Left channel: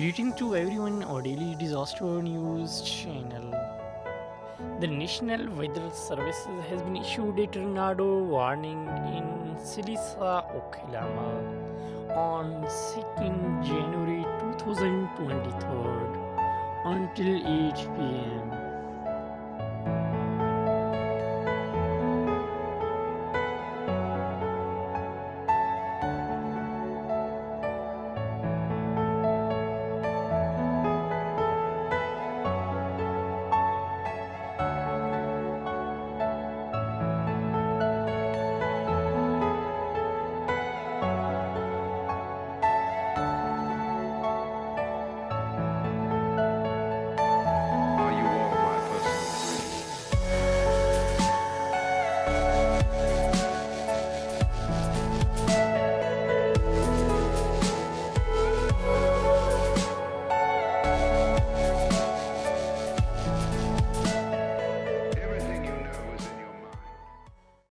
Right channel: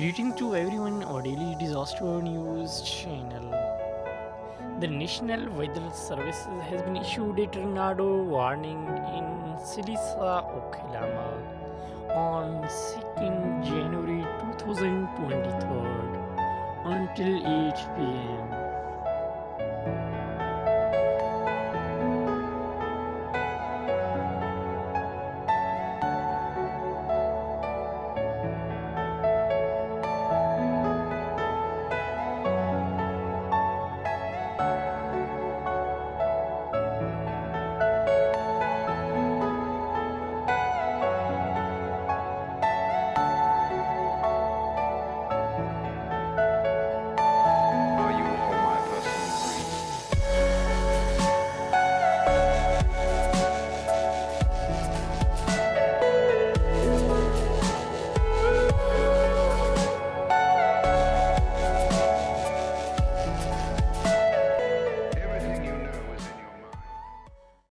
Greeting to everyone our daily disaster news channel. The National Weather Service has been issued a tornado warning in Sallisaw, Oklahoma on 2nd January 2023 until 8 p.m.